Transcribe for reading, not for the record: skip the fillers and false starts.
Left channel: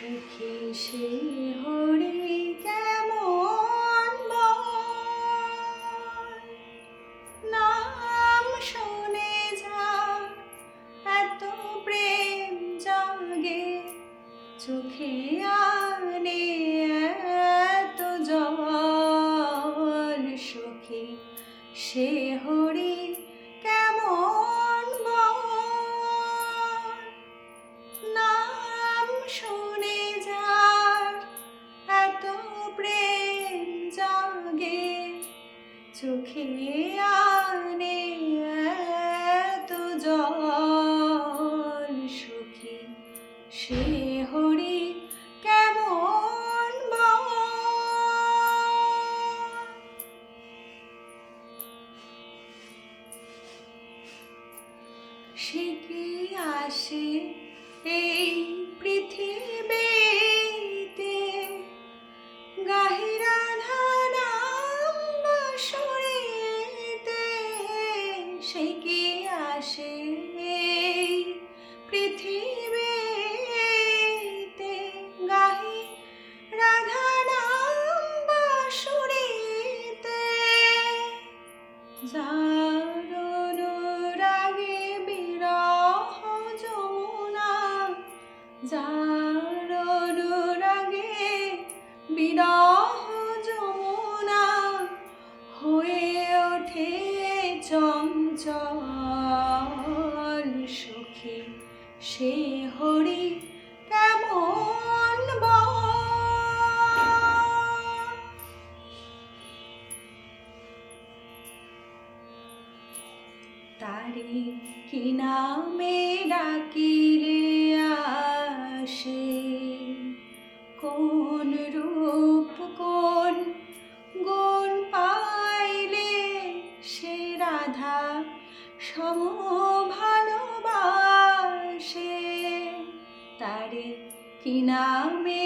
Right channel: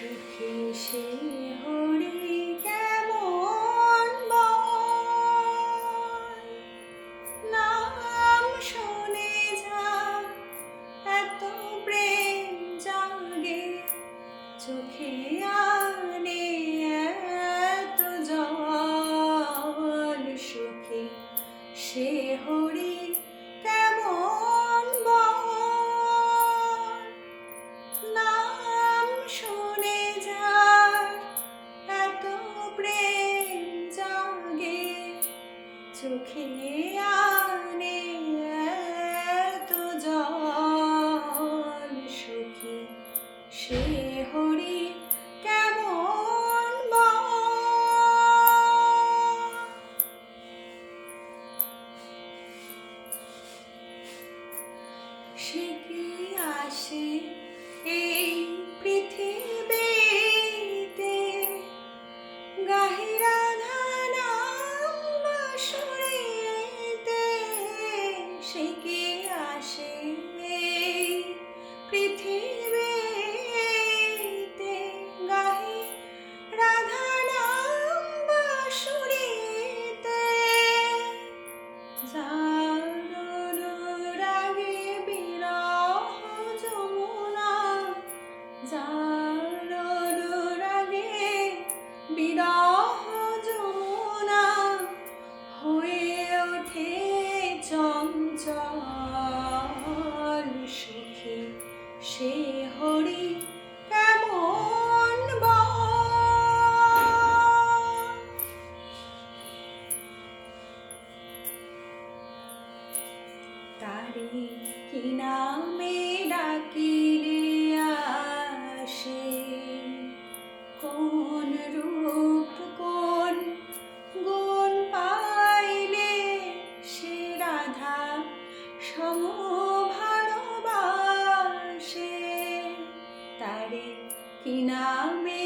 সুখী সে হরি কেমন বল, নাম শুনে যা এত প্রেম জাগে, চোখে আনে এত জল। সুখী সে হরি কেমন বল, নাম শুনে যার এত প্রেম জাগে, চোখে আনে এত জল। সুখী সে হরি কেমন বল। সে কি আসে এই পৃথিবীতে, গাহে রাধা নাম বাঁশরিতে। সে কি আসে এই পৃথিবীতে, গাহে রাধা নাম বাঁশরিতে। যার অনুরাগে বিরহ যমুনা, যার অনুরাগে বিরহ যমুনা হয়ে ওঠে চঞ্চল। সুখী সে হরি কেমন বল। তারে কি নামে ডাকিলে আসে, কোন রূপ কোন গুণ পাইলে সে রাধা সম ভালোবাসে। তারে কি নামে